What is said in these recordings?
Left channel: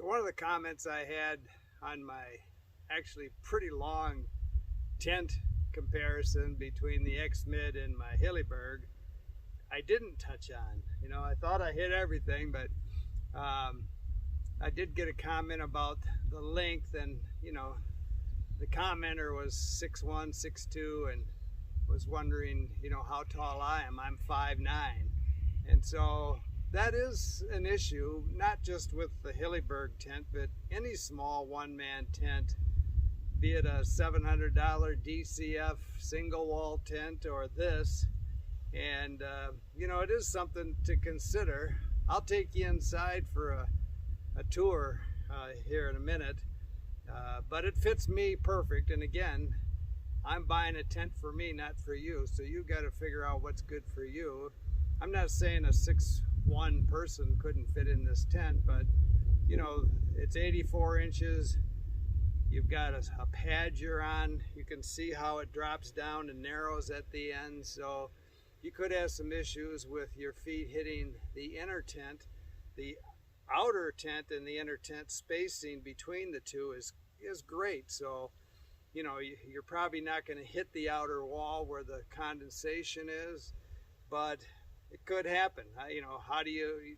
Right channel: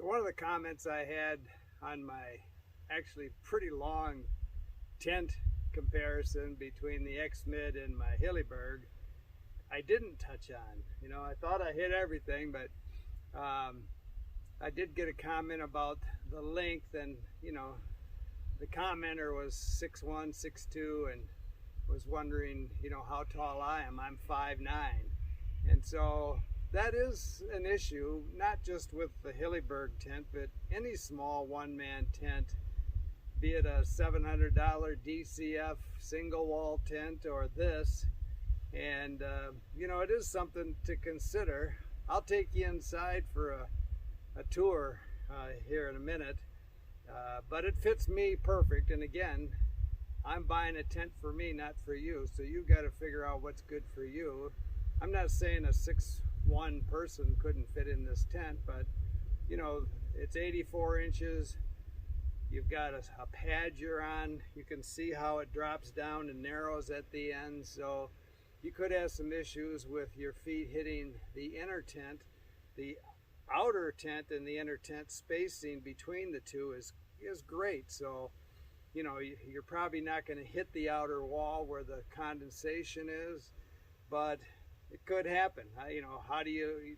So one of the comments I had on my actually pretty long tent comparison between the X-Mid and my Hilleberg, I didn't touch on. I thought I hit everything, but I did get a comment about the length, and the commenter was 6'1", 6'2", and was wondering, how tall I am. I'm 5'9", and so that is an issue, not just with the Hilleberg tent, but any small one-man tent, be it a $700 DCF single wall tent or this. And it is something to consider. I'll take you inside for a tour here in a minute, but it fits me perfect. And again, I'm buying a tent for me, not for you, so you got to figure out what's good for you. I'm not saying a 6'1" person couldn't fit in this tent, but it's 84 inches. You've got a pad you're on. You can see how it drops down and narrows at the end, so you could have some issues with your feet hitting the inner tent. The outer tent and the inner tent spacing between the two is great, so you're probably not going to hit the outer wall where the condensation is, but it could happen. How do you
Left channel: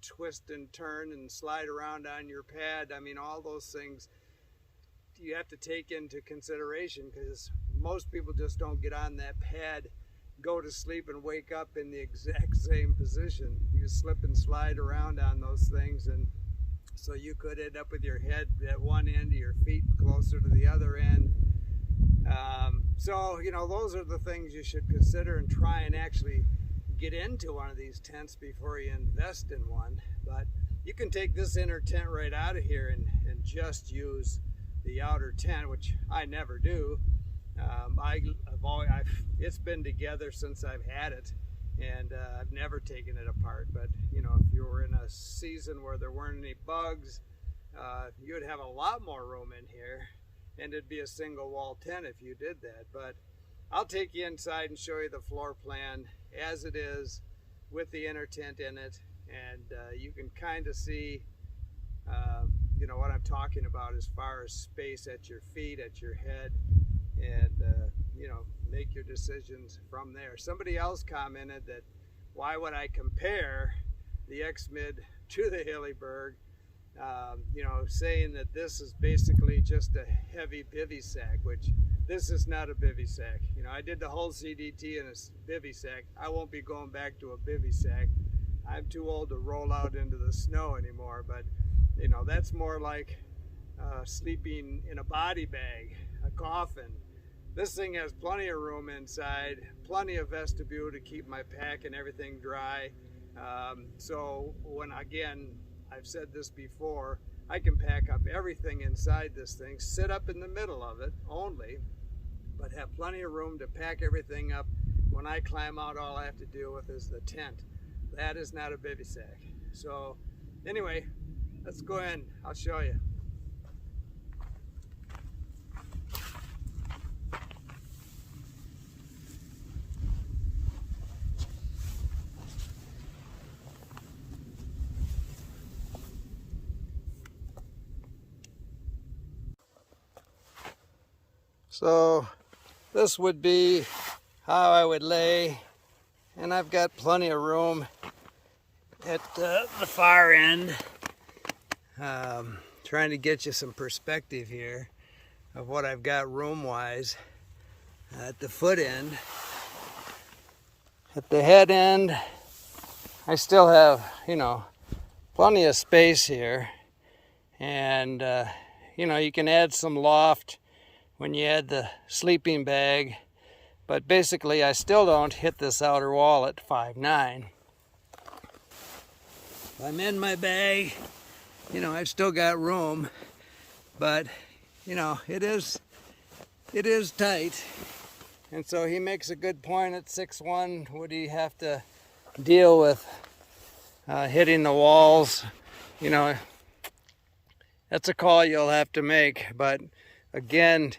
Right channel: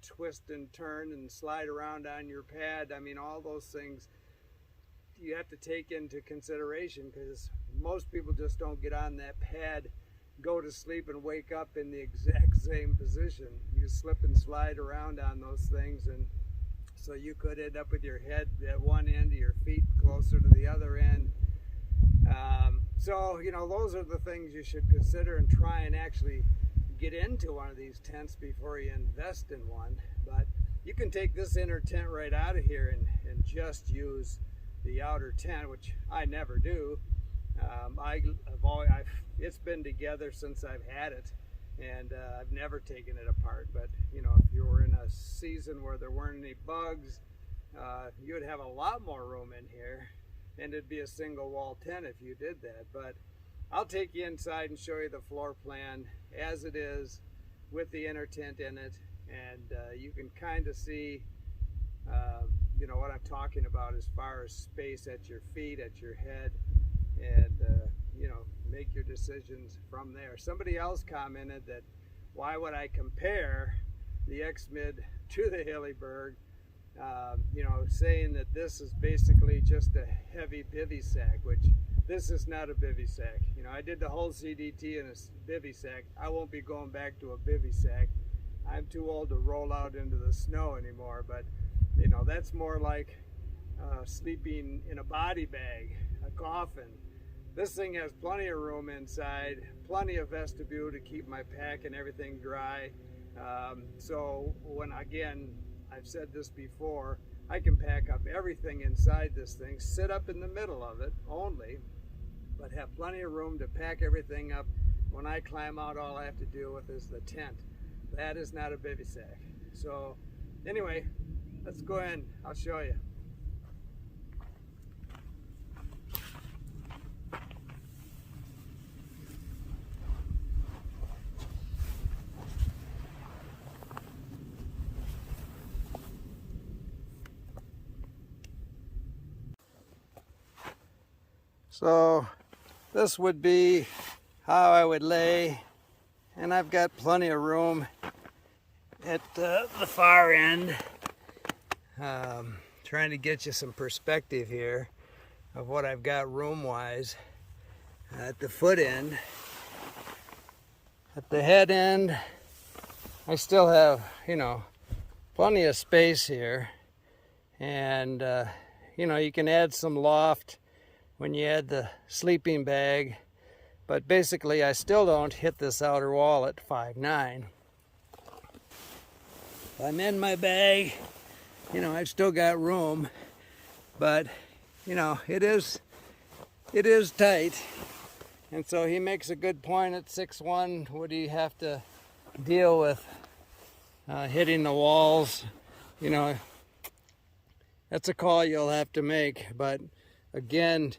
twist and turn and slide around on your pad? I mean, all those things you have to take into consideration, because most people just don't get on that pad, go to sleep, and wake up in the exact same position. You slip and slide around on those things, and so you could end up with your head at one end, your feet closer to the other end. So those are the things you should consider and try and actually get into one of these tents before you invest in one. But you can take this inner tent right out of here and just use the outer tent, which I never do. It's been together since I've had it, and I've never taken it apart. But if you were in a season where there weren't any bugs, you would have a lot more room in here, and it'd be a single wall tent if you did that. But I'll take you inside and show you the floor plan as it is with the inner tent in it, and you can kind of see what I'm talking about as far as space at your feet, at your head, and make your decisions from there. Somebody else commented that why would I compare the X-Mid to the Hilleberg, saying that this is basically just a heavy bivy sack, which this is not a bivy sack. I did the whole CDT in a bivy sack. I won't be going back to a bivy sack. I'm too old to roll out into the snow anymore, but that's more like sleeping in a body bag, a coffin. This thing has plenty of room inside, plenty of vestibule to keep my pack and everything dry. So I've said this before, I can pack up everything inside this thing, sit up in the middle of it only, but have plenty of room to pack everything up. When I climb out, all I have to deal with is the tent. That is not a bivy sack. So anyway, let's go in. I'll show you. So this would be how I would lay, and I've got plenty of room at the far end. Trying to get you some perspective here of what I've got room-wise at the foot end. At the head end, I still have, plenty of space here, and you can add some loft when you add the sleeping bag, but basically I still don't hit this outer wall at 5'9". I'm in my bag, I've still got room, but it is tight. And so he makes a good point. At 6'1", would he have to deal with hitting the walls? That's a call you'll have to make. But again,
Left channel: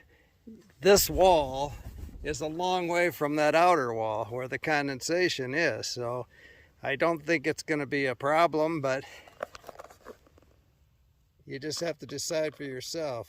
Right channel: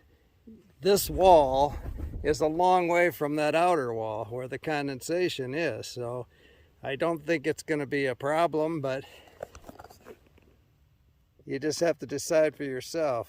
this wall is a long way from that outer wall where the condensation is, so I don't think it's going to be a problem. But You just have to decide for yourself.